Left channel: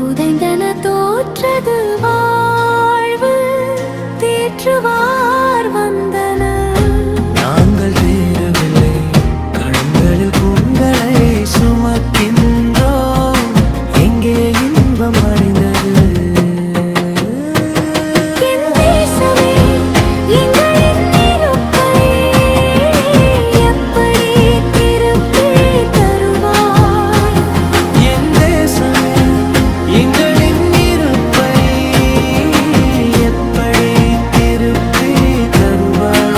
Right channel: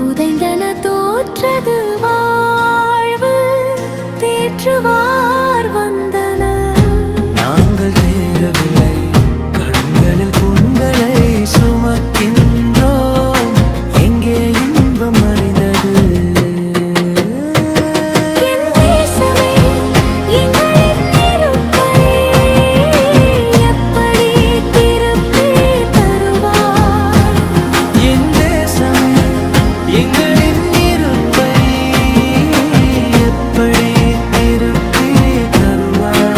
புதைந்தன தோற்றது வாழ்வு தேற்றுவார் வந்தன. நாங்கள் தேரவில்லை தருவார்